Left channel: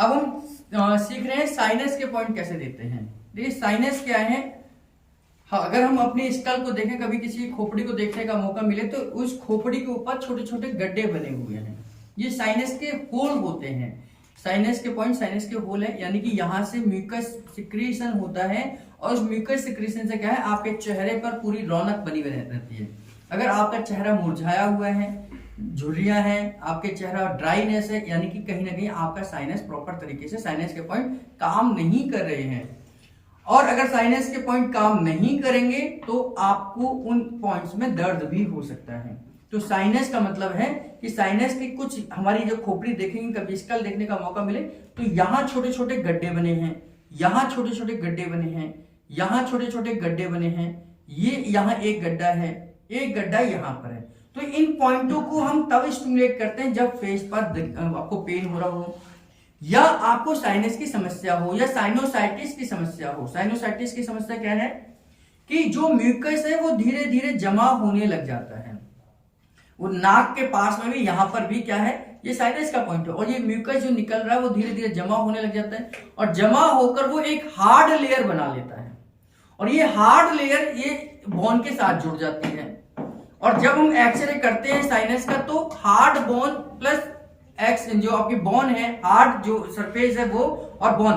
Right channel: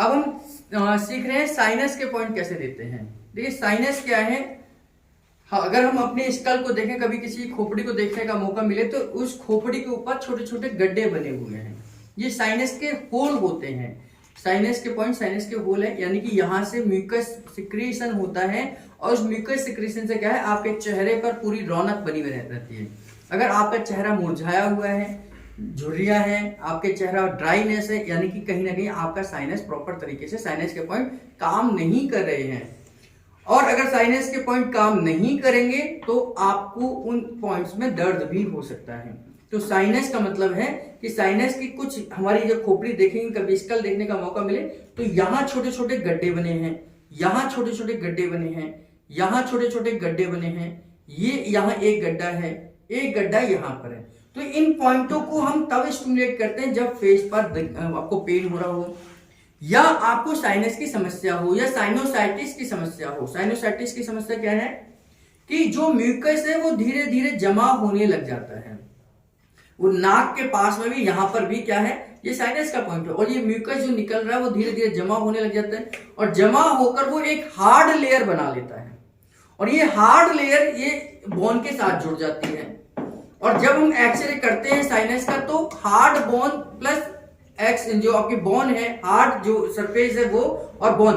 अब हम सीख रहे हैं साइनस के पॉइंट कैसे देते हैं। देखिए साइनस क्या है, अगर हम अपने स्कल को देखें, कभी किसी खोपड़ी को देखने का मौका मिले तो उस खोपड़ी के ऊपर छोटे छोटे गड्ढे बने हुए हैं, ये साइनस के होल होते हैं। साइनस के पॉइंट साइनस के होल है, यानी कि यहाँ से म्यूकस सिक्रीशन होता है और उस म्यूकस सिक्रीशन से क्या है, आपके चेहरे पर पूरी रौनक बनी हुई रहती है। अगर आपका चेहरा मुरझाया हुआ है, झुर्रिया है, आपके चेहरा ड्राईनेस है, यानी कि कहीं ना कहीं आपका साइनस प्रॉपर तरीके से साइनस के पॉइंट काम नहीं कर रहे हैं। और अगर साइनस के पॉइंट काम नहीं करेंगे तो आपको उन पॉइंट्स में दर्द भी हो सकता है। तो साइनस का मतलब है कि साइनस की कुछ हमारी जो खोपड़ी देखेंगे, कभी स्कल देखने का मौका मिले तो यहाँ छोटे छोटे गड्ढे बने हैं, यहाँ छोटे छोटे गड्ढे बने हैं, यहाँ छोटे छोटे गड्ढे बने हैं, ये यहाँ एक गड्ढा है, एक गड्ढा यहाँ पर है। तो इन पॉइंटों को हम तब स्टिमुलेट करते हैं जब फेस पर आपको पेन हो रहा हो, या आपको साइनस की समस्या हो, या साइनोसाइटिस की समस्या हो। साइनोसाइटिस की समस्या क्या है कि जो म्यूकस है वो धीरे धीरे जमा होने लग जाता है, वो नाक के पास में भी, यहां पर भी क्या है, ये साइनस का पॉइंट है। और ये म्यूकस जो निकल रहा है वो धीरे धीरे जमा होने लग जाता है और जमा होकर वो एक हार्ड लेयर बना लेता है, और ये हार्ड लेयर ये बोन के साथ जुड़ जाती है। और जब हम एक्सरे करते हैं साइनस का तो हार्ड बोन प्लस एक्स जो आपकी बोन है, हार्ड जो सरफेस है वो और बोन,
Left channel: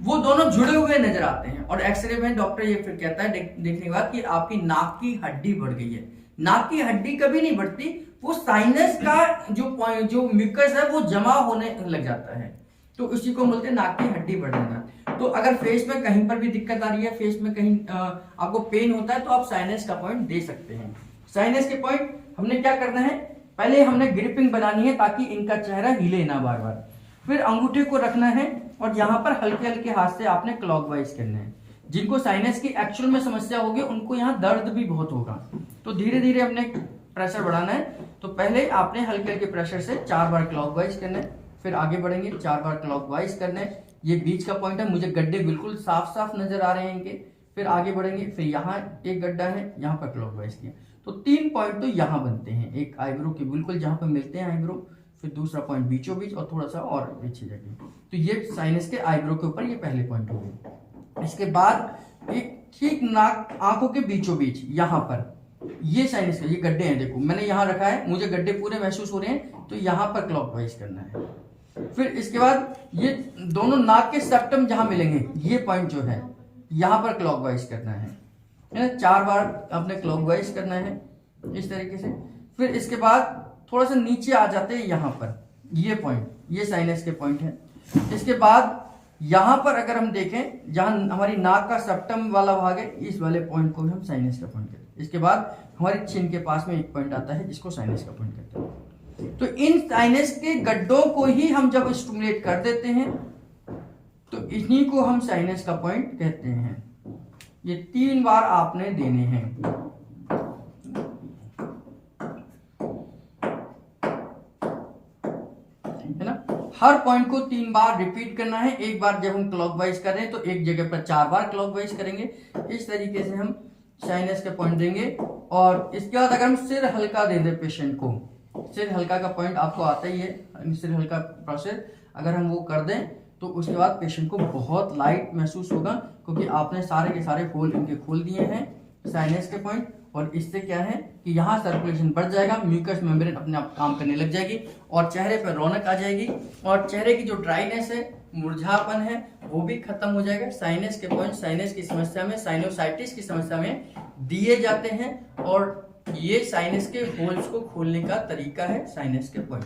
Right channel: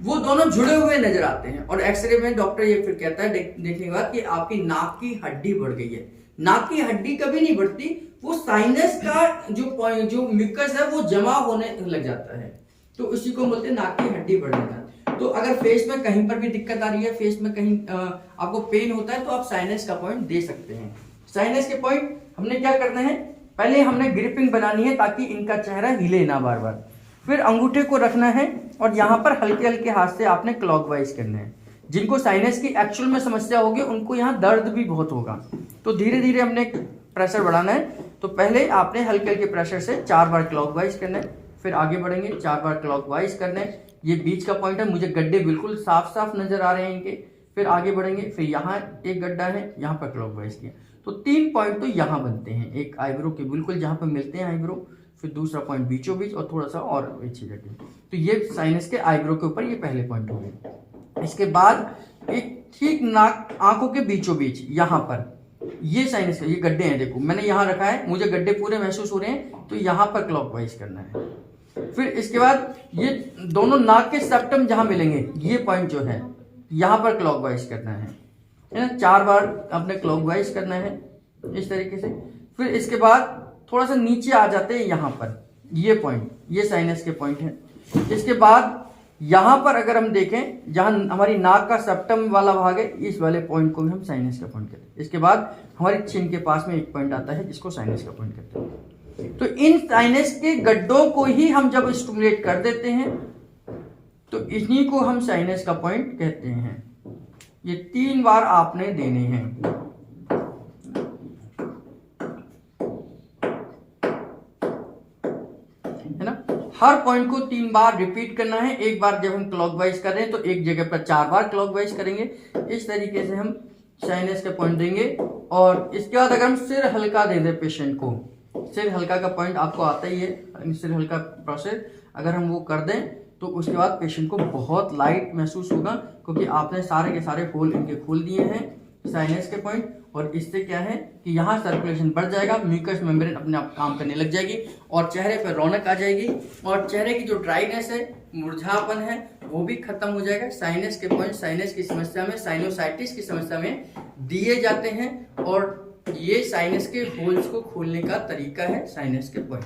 वो दोनों जुड़े हुए नजर आते हैं। और एक्सरे में डॉक्टर ये फिर कहता है देखने के बाद कि आपकी नाक की हड्डी बढ़ गई है। नाक की हड्डी कभी नहीं बढ़ती, वो साइनस का जो म्यूकस है वो जमा होने लग जाता है, तो इसी को बोलते हैं नाक की हड्डी बढ़ जाना। तो अगर फेस में कहीं पर भी दिक्कत आ रही है, फेस में कहीं आपको पेन होता है तो आप साइनस का पॉइंट दे सकते हैं। साइनस के पॉइंट हमने क्या करना है, पहले हमने ग्रिपिंग बनानी है ताकि इनका चेहरा हिले ना बार बार। फिर अंगूठे को रखना है और यहाँ पर हल्के हल्के हाथ से आपने क्लॉकवाइज करना है। जिनको साइनस की एक्चुअल में समस्या होगी उनको यहाँ दर्द भी बहुत होगा, तो धीरे धीरे हमने प्रेशर बढ़ाना है। तो पहले आपने हल्के हल्के प्रेशर से 4 बार क्लॉकवाइज करना है, फिर आगे बढ़ेंगे 4 बार क्लॉकवाइज करना है। ये बीच का पॉइंट है, मुझे गड्ढे बिल्कुल साफ साफ नजर आ रहे हैं इनके। फिर आगे बढ़ेंगे, फिर यहाँ एक गड्ढा है, यहाँ पर क्लॉकवाइज किया, तो 3 पॉइंट तो यहाँ बनते हैं, एक आईब्रो के बिल्कुल जहाँ पर मिलते हैं आईब्रो, फिर दूसरा पॉइंट बीचों बीच और थोड़ा सा और अच्छी जगह। तो ये साइनस के आईब्रो के ऊपर ये पहले पॉइंट हो गए। इसके बाद एक ठीक नाक आंखों के बीचों बीच यहाँ पर ये साइनस का ये गड्ढे हैं, देखो मैंने यहाँ रखा है, मुझे गड्ढे पूरे महसूस हो रहे हैं, तो यहाँ पर क्लॉकवाइज करना है। फिर इसके बाद ये दोनों नाक के सेप्टम जहाँ मिलेंगे, ये पॉइंट जो है यहाँ पर क्लॉकवाइज करना है 4 बार आपने क्लॉकवाइज करना है इस तरीके से। फिर इसके बाद थोड़ा सा नीचे आ जाते हैं यहाँ पर, ये पॉइंट ये साइनस के पॉइंट है। इसके बाद यहाँ पर अगर हम देखें जहाँ हमारी नाक का सेप्टम वाला भाग है, इस वाले पॉइंट को भी हम साइनस का पॉइंट कहते हैं। इसके बाद हमारी चिन के पास में एक पॉइंट आता है जिसको साइनस का पॉइंट कहते हैं। तो इन साइनस के गड्ढों को ही हम जब स्टिमुलेट कर देते हैं तो इन्हीं को हम साइनस का पॉइंट कहते हैं। ये 3 बार आपने देने हैं। है ना, हर पॉइंट को 3 बार रिपीट करना है। एक बार जब हम क्लॉकवाइज कर रहे हैं तो एक जगह पर 4 बार क्लॉकवाइज करेंगे। इस तरीके से हम साइनस के पॉइंट देंगे। और इसके बाद अगर हम सिर हल्का दे दें पेशेंट को, सिर हल्का का पॉइंट आपको आता ही है, सिर हल्का प्रोसेस अगर हम वो कर दें तो उसके बाद पेशेंट को बहुत लाइट महसूस होगा, क्योंकि आपने सारे के सारे होल इनके खोल दिए हैं साइनस के पॉइंट। और इससे क्या है कि यहाँ सर्कुलेशन बढ़ जाएगा, म्यूकस मेम्ब्रेन अपने आप काम करने लग जाएगी और चेहरे पर रौनक आ जाएगी और चेहरे की जो ड्राइनेस है, मुरझापन है, वो भी खत्म हो जाएगा। साइनस के पॉइंट साइनस की समस्या में, साइनोसाइटिस की समस्या में दिए जाते हैं और ये साइनस के होल्स को खोलने का तरीका है साइनस के पॉइंट।